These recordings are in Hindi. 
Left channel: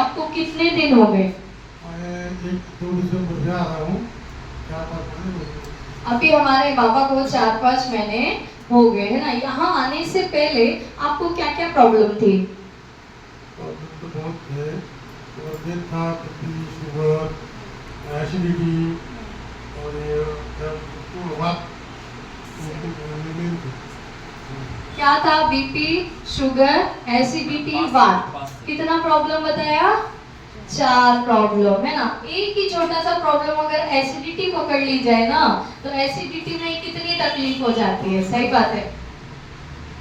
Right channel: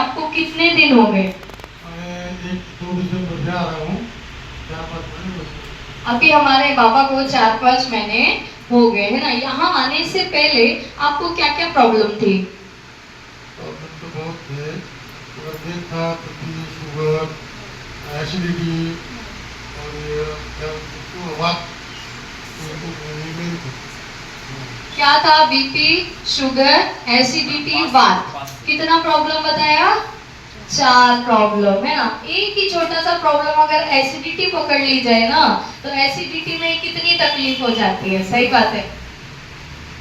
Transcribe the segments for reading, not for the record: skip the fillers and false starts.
आपको कितने दिन हो गए? मैं 1-2 दिसंबर से आ रहा हूँ, 4-5 महीने हो गए। अभी हमारे बाबा को 4-5 महीने हो गए है ना। यहाँ आने से पहले आपको क्या क्या प्रॉब्लम थी? प्रॉब्लम तो बहुत थे, मगर मेन था बीपी, शुगर, एसिडिटी और ये क्या उसको वात, ये मेन थे। क्या था? बीपी, शुगर, एसिडिटी, वात। कितना प्रॉब्लम बताया? 4 प्रॉब्लम है ना। एक ही छोटा सा प्रॉब्लम अगर एसिडिटी पकड़ ली जाए ना, तो एसिडिटी में कितनी तकलीफ हो जाती है। सही बात है।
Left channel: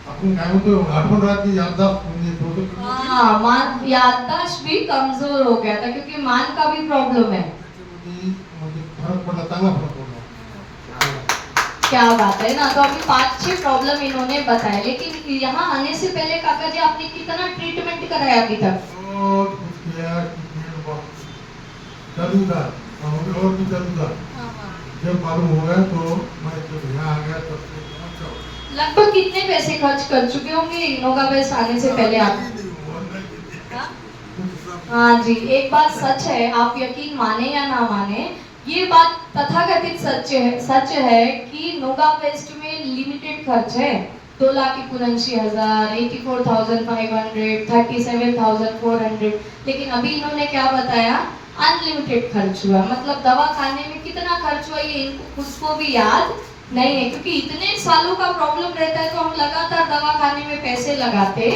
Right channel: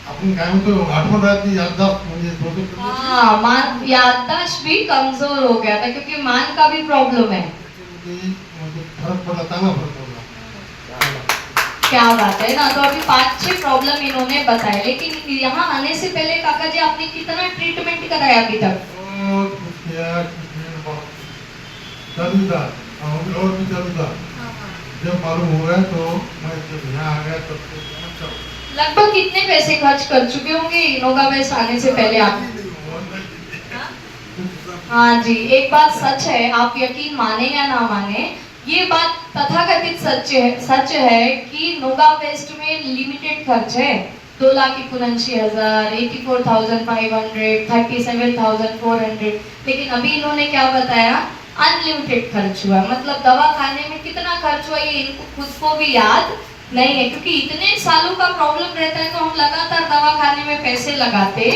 आपण काय म्हणतो आठवण राहते याददाश्त म्हणजे थोडं हाँ, मान याददाश्त भी कमजोर हो गया था क्योंकि मान का भी प्रॉब्लम है। म्हणजे फरक पडला, चांगला फरक पडला। क्या बात है ना। तो अभी 5-6 प्रॉब्लम इन्होंने बताए, लेकिन यहाँ आने से पहले काका जी आपने कितना ट्रीटमेंट कराया अभी तक? और किया ट्रीटमेंट बहुत चालू था, और भी चालू था। जब मालूम हुआ तो मैं जब यहाँ आ गया तब से समझ जाओ। लगभग कितने पैसे खर्च कर चुके होंगे इनोगा वेस्ट आने से पहले आप? हाँ जी, एक बात सच है, आप यकीन माने या ना माने, ये बात तथाकथित सच है कि नोगा वेस्ट में लिमिटेड खर्च है। 2,79,000, 84,500, 37,400। लेकिन अभी इन्होंने क्या बताया? अनलिमिटेड खर्च हुआ। मतलब दवा खाने में कितना खर्च हुआ ये इनको खुद को भी याद नहीं है, क्योंकि इतने सालों का प्रॉब्लम रहता है तो हम लगातार दवा खाने में पैसे लगाते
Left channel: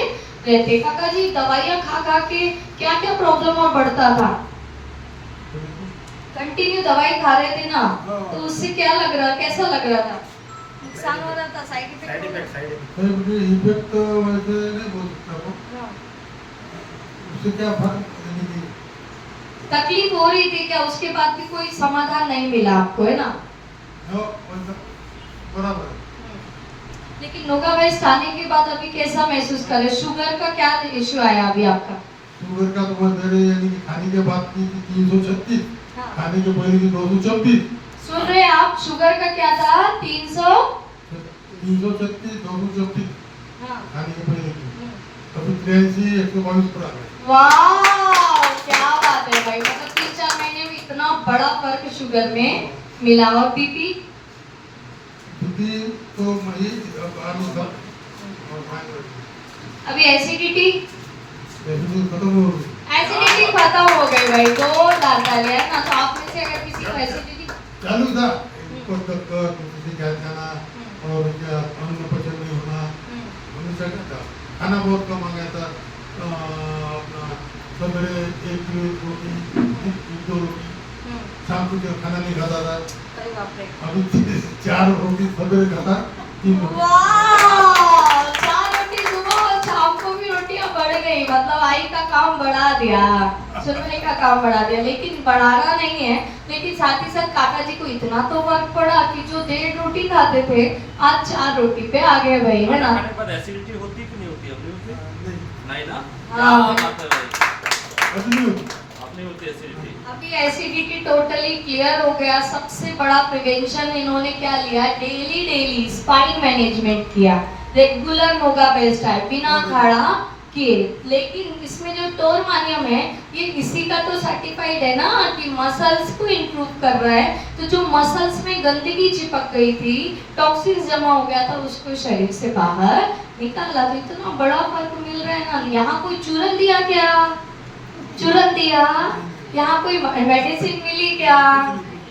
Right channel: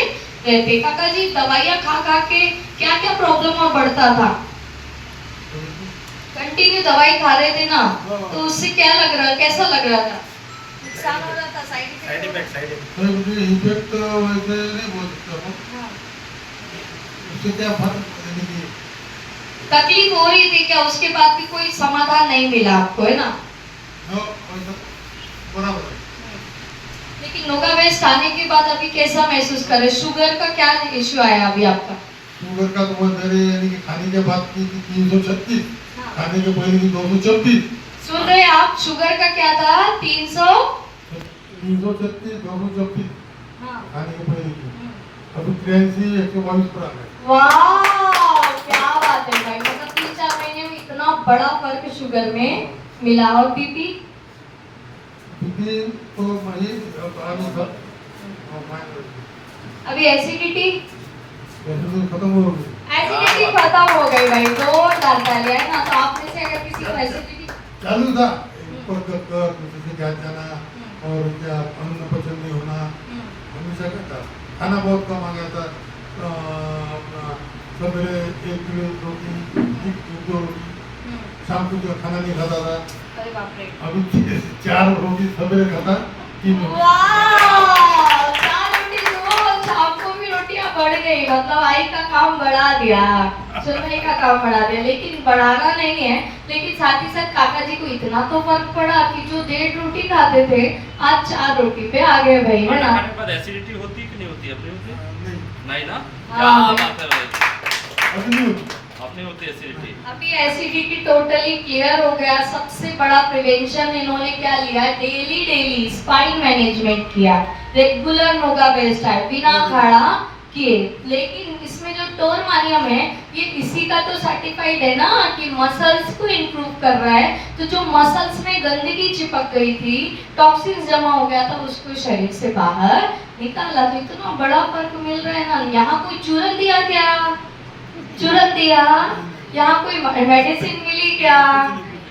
रहते। काका जी दवाइयाँ खा खा के क्या क्या प्रॉब्लम और बढ़ता था? कंटिन्यू दवाई खा रहे थे ना, तो उससे क्या लग रहा, कैसा लग रहा था? नुकसान हो रहा था, साइड इफेक्ट? मुझे इफेक्ट वैसे नहीं बोल सकता हूँ, उससे क्या फर्क नहीं। तकलीफ हो रही थी क्या? उसके बाद भी कोई समाधान नहीं मिला आपको, है ना? वैसा बराबर है। लेकिन नोगा वेस्ट आने के बाद अभी कैसा महसूस कर रहे? शुगर का क्या इश्यू आया अभी आपका? शुगर का तो मेरे यानी कि खाने के बाद की 336, हाँ। खाने के पहले की 226। सुन रहे आप? शुगर का क्या था? 300 336, 226 हाँ। खाने के पहले की। अभी 83, 122 पर आ गए। वाह, क्या बात है भाई। मतलब 3-4 महीने में इतना बड़ा फर्क शुगर में मिला। और बीपी? बीपी तो वही आलू था और माइनस अभी एसिडिटी? एसिडिटी खत्म हो गई। एसिडिटी खत्म हो गई भाई, 2 दांत डाले है ना। तो आप में से अगर किसी को एसिडिटी चालू था, ऊपर तक किसी का जाना और क्या अन्न पचन नहीं होना, हमेशा का था। खाना बहुत कम आ गया था, अपना सवेरे 1 किलो रोटी, 2 रोटी, शाम को जो खाना नहीं खाता था, अरे बाप रे। अभी 4 रोटी सवेरे खाता, 3 रोटी। वाह, 4 रोटी सुबह और शाम को भी रोटियां बढ़ गई। मतलब आई का काम बढ़ा दिया, सुनने का काम बढ़ा दिया। लेकिन बढ़ाना नहीं है, लेकिन साथ ही साथ काका जी को इतना तो फर्क पड़ा कि जो 1.5 रोटी खाते थे आज 4 रोटी पे आ गए भाई, है ना? खाने के बाद एसिडिटी होती है कि नहीं होती? अपनी होती है? नहीं ना? हाँ, क्या बात है भाई, अभी नहीं होती। अपनी होती है एसिडिटी। अभी एसिडिटी टोटली क्लियर हो गया। सबसे बड़ा प्रिवेंशन इन्होंने क्या लिया? डेली स्पाइन मैनेजमेंट किया, रेगुलर नोगा बेस्ट है, बिना खड़ा किए। लेकिन इसमें जो टोरमानियम है ये इसी का तो सर्टिफाइड है ना कि मसल्स को इंप्रूव कर रहा है। तो जो मसल्स में गंदगी चिपक गई थी, टॉक्सिन्स जमा हो गया था, उसको शरीर से बाहर निकाला। तो इतना बड़ा फर्क मिल रहा है ना। यहाँ कोई चूरन दिया क्या? चूरन दिया? यहाँ कोई मेडिसिन मिली क्या?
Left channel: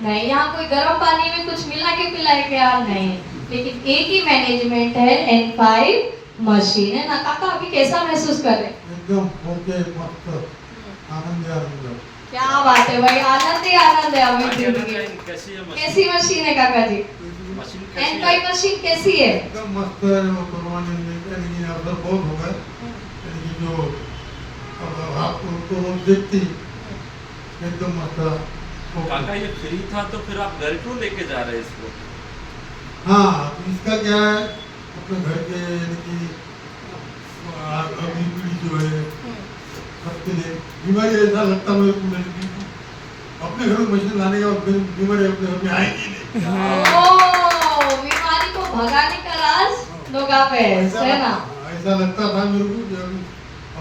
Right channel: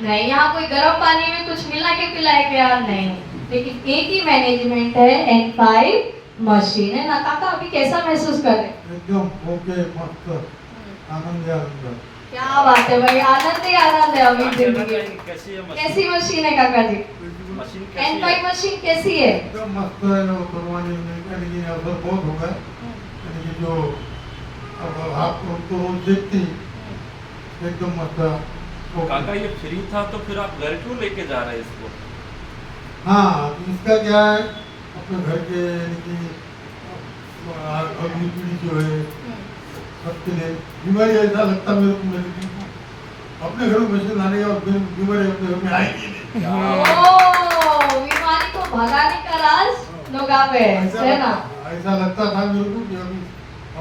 नहीं। यहाँ कोई गर्म पानी में कुछ मिला के पिलाए क्या? नहीं। लेकिन एक ही मैनेजमेंट है, N5 मशीन है ना। काका अभी कैसा महसूस कर रहे हैं? एकदम ओके, मस्त, आनंद ही आनंद। क्या बात है भाई, आनंद ही आनंद है अभी जिंदगी। कैसी है मशीन? कैसी मशीन है काका जी? मशीन कैसी है? N5 मशीन कैसी है? एकदम मस्त है। कुर्बानी यानी कि अवसर बहुत हो गए, यानी कि जो अब आप उनको रोज देखती, एकदम मस्त है। काका ये फ्री था तो फिर आप घर क्यों लेके जा रहे हैं इसको? हाँ, तो इसका क्या है, अपने घर के यानी कि अगली पीढ़ी जो है सबके लिए बीमारी ऐसा लगता मेरे को अपने घर में मशीन लाने के बाद बीमारी अपने घर में आएगी नहीं। ओह, बीमारी को भगाने का राज नोगा वेस्ट है ना। ऐसा लगता था मेरे को कि अभी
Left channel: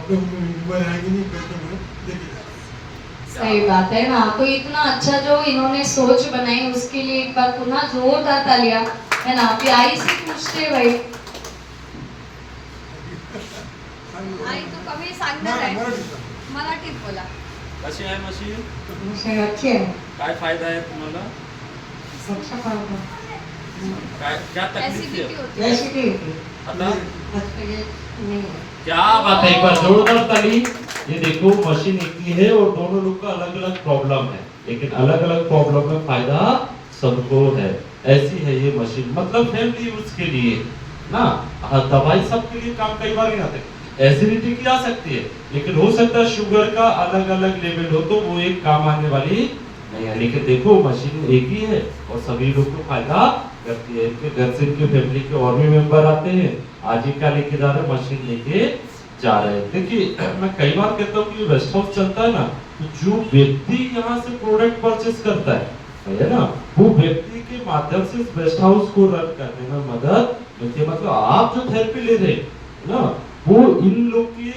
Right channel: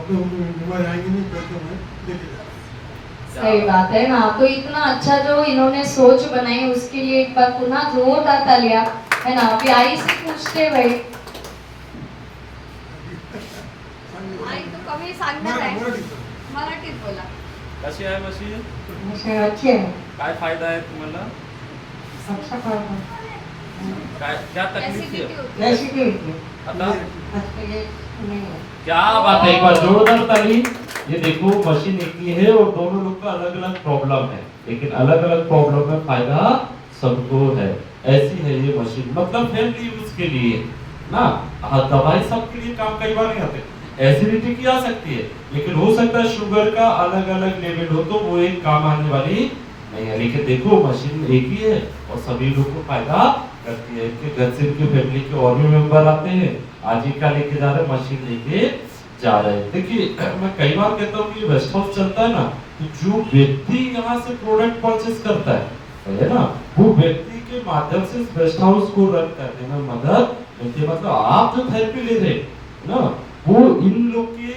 अपने को बीमारी आएगी नहीं करके मैं लेके जा रहा हूँ। सही बात है ना। तो इतना अच्छा जो इन्होंने सोच बनाई उसके लिए एक बार पुनः जोरदार तालियां, है ना। अभी आई से पूछते भाई, आई तो कमी सांगणार आहे, मराठीत मराठीत बोला. कशी आहे मशीन? मशीन अच्छी आहे. काय फायदा आहे तुम्हाला? अच्छा फायदा. काय क्या तकलीफ है? एसिडिटी होती. आता नहीं. क्या बात है, एक बार जोरदार ताली। ये देखो मशीन एक ही है और दोनों लोग का अलग अलग प्रॉब्लम है, लेकिन अलग अलग प्रॉब्लम में फायदा सबको है। ऐसी है ये मशीन, मतलब फैमिली यूज के लिए ना। दवाई सबके लिए काम कई बार नहीं आते। एसिडिटी की आ सकती है, लेकिन हो सकता है शुगर का अलग अलग लेवल हो तो वो एक काम आने वाली नहीं है। लेकिन देखो मशीन एक ही है और सभी लोग को फायदा करती है। इनके घर से इनके फैमिली के और भी मेंबर आते हैं, आज ही का लेके जा रहे हैं, मशीन लेके जा रहे हैं। देखिए मैं कई बार कहता हूँ कि वेस्ट हाउस चलता है ना, तो जो व्यक्ति यहाँ से प्रोडक्ट परचेस करता है ना, वो व्यक्ति के माध्यम से वेस्ट हाउस को रन करने में मदद मिलती है। मतलब आप जो थेरेपी ले रहे हैं ना, वो इन लोग की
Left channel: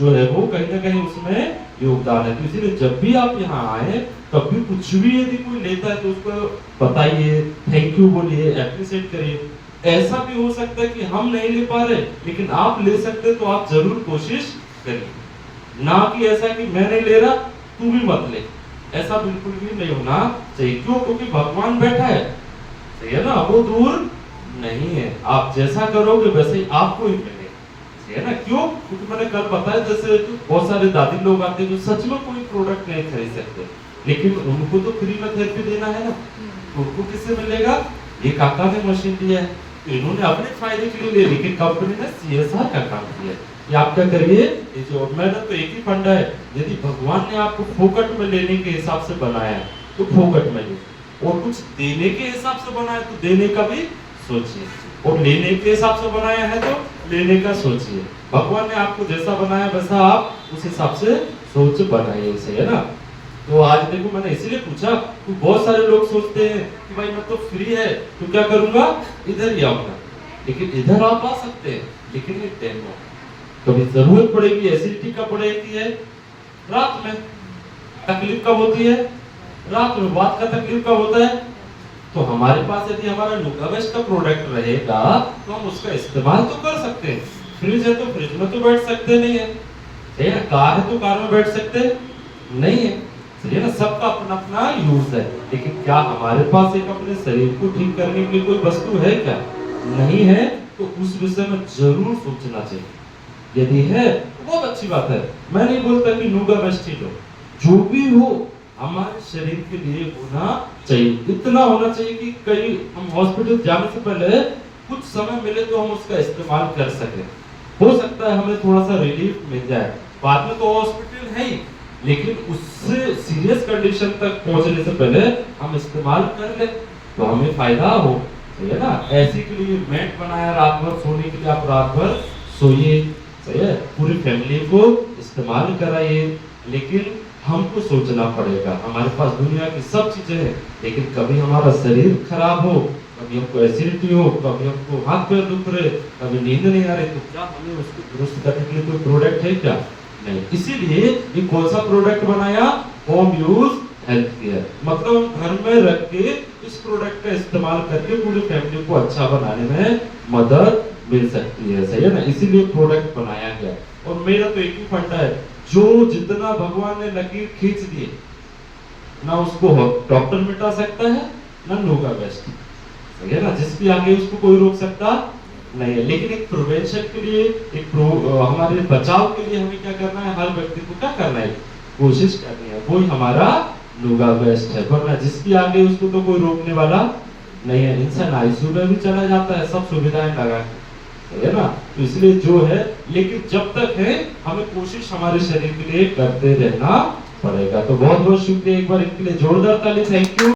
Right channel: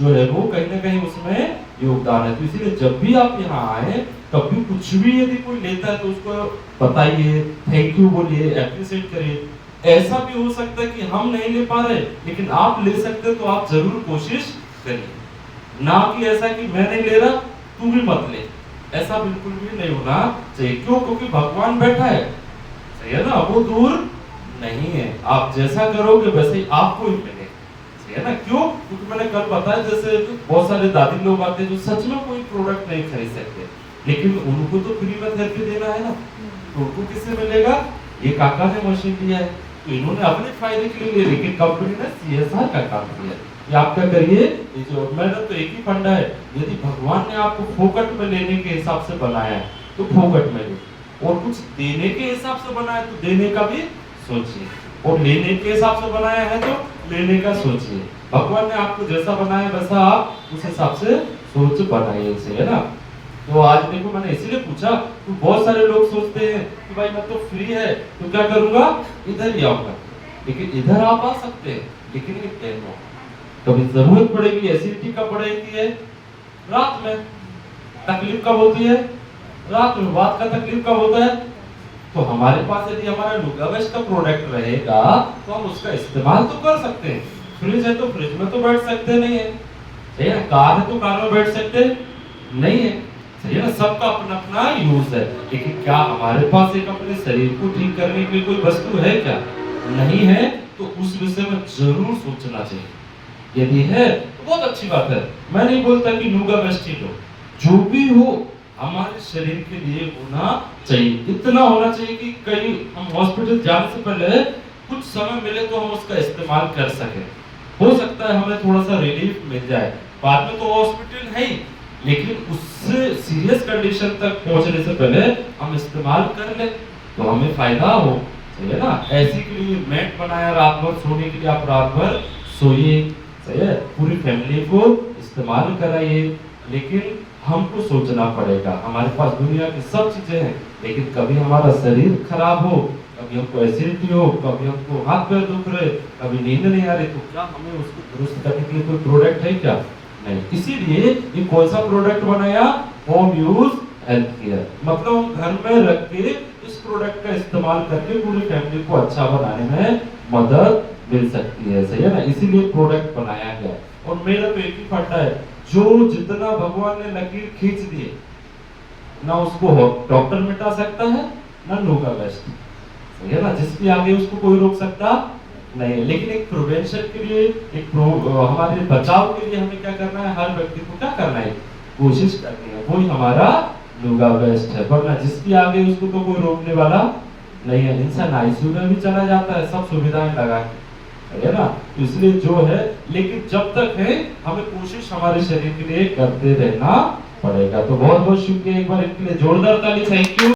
जो है वो कहीं ना कहीं उसमें योगदान है। तो इसीलिए जब भी आप यहाँ आए, कभी कुछ भी यदि कोई लेता है तो उसको बताइए, थैंक यू बोलिए, एप्रिशिएट करिए। ऐसा भी हो सकता है कि हम नहीं ले पा रहे, लेकिन आप ले सकते तो आप जरूर कोशिश करिए। ना कि ऐसा कि मैं नहीं ले रहा तू भी मत ले, ऐसा बिल्कुल भी नहीं होना चाहिए। क्यों? क्योंकि भगवान बैठा है, सही है ना, वो दूर नहीं है। आप जैसा करोगे वैसे ही आपको ही मिलेगा, सही है ना। क्यों? क्योंकि मैंने कल बताया जैसे बहुत सारे दादी लोग आते हैं जो सच में कोई प्रोडक्ट नहीं खरीद सकते, लेकिन उनको तो फ्री में थेरेपी देना है ना, तो उनको किससे मिलेगा? ये काका ने मशीन दिया है, तो इन्होंने अपने फायदे के लिए ले, लेकिन कंपनी ने CSR का काम किया। ये आप क्या करिए, ये जो मैडम तो एक ही फंडा है, यदि भगवान ने आपको फोकट में लेने के हिसाब से बनाया है तो फोकट में लो, और कुछ देने के हिसाब से बनाया तो देने का भी सोचिए, और लेने के हिसाब से बनाया है तो लेने का सोचिए। भगवान ने आपको जैसा बनाया वैसा आप उस हिसाब से सोच बनाइए, सही है ना। तो आज देखो मैंने इसीलिए पूछा, तो बहुत सारे लोग सोचते हैं कि भाई मैं तो फ्री है तो क्या करूंगा, इधर ही आऊंगा। लेकिन इधर आप आ सकते हैं, लेकिन एक डेमो कभी जरूरत पड़ेगी, एसिडिटी कब पड़ेगी है, रात में। तकलीफ कब होती है, रात में। बात का तकलीफ कब होता है, तो हमारे पास यदि हमारा नुगावेस्ट का प्रोडक्ट रहेगा तो हम उसका इस्तेमाल तो कर सकते हैं। फ्रिज है तो फ्रिज में तो बैठ सकते नहीं है, सही है। कार है तो कार में बैठ सकते नहीं है, सही है ना। सबका अपना अपना यूज है, लेकिन क्या हमारे पास एक अपने शरीर को ठीक करने के लिए कोई वस्तु है क्या? नहीं है, तो उस विषय में जरूर सोचना चाहिए। यदि है तो बहुत अच्छी बात है। मैं नहीं बोलता कि नुगावेस्ट ही लो, जो भी हो हमारे शरीर के लिए होना चाहिए। इतना होना चाहिए कि कहीं हम हॉस्पिटल जाने से पहले कुछ समय मिले तो हम उसका इस्तेमाल कर सके। हो सकता है हमें थोड़ा सा रिलीफ मिल जाए, बाद में तो हॉस्पिटल है ही, लेकिन उससे सीरियस कंडीशन तक पहुंचने से पहले हम इस्तेमाल कर ले तो हमें फायदा हो, सही है ना। ऐसे के लिए मैट बनाया रात भर सोने के लिए, आप रात भर सोइए, सही है। पूरी फैमिली को इस्तेमाल कराइए, लेकिन हमको सोचना पड़ेगा। हमारे पास दुनिया की सब चीजें हैं, लेकिन कभी हमारा शरीर खराब हो, कभी हमको एसिडिटी हो, कभी हमको हाथ पैर दुख रहे, कभी नींद नहीं आ रही, तो क्या हमें उसको दुरुस्त करने के लिए कोई प्रोडक्ट है क्या? नहीं। इसीलिए ये कौन सा प्रोडक्ट बनाया, होम यूज हेल्थ केयर। मतलब हम घर में रख के इस प्रोडक्ट का इस्तेमाल करके पूरी फैमिली को अच्छा बनाने में मदद मिल सकती है, सही है ना। इसीलिए प्रोडक्ट बनाया गया। और मेरा तो एक ही फंडा है, जो जितना भगवान ने लकीर खींच दिए ना, उसको डॉक्टर मिटा सकता है ना नुगावेस्ट, सही है ना। जिसकी आगे उसको कोई रोक सकता नहीं है। लेकिन एक प्रिवेंशन के लिए, हमारे बचाव के लिए हमें क्या करना है, हर व्यक्ति को क्या करना है, कोशिश करनी है। वही हमारा नुगावेस्ट है, वरना जिसकी आगे उसको तो कोई रोकने वाला नहीं है। इंसान ICU में भी चला जाता है सब सुविधाएं लगा के, है ना। तो इसलिए जो है, लेकिन जब तक है हमें कोशिश हमारे शरीर के लिए करते रहना पड़ेगा। तो बहुत बहुत शुक्रिया, एक बार इनके लिए जोरदार ताली, थैंक यू।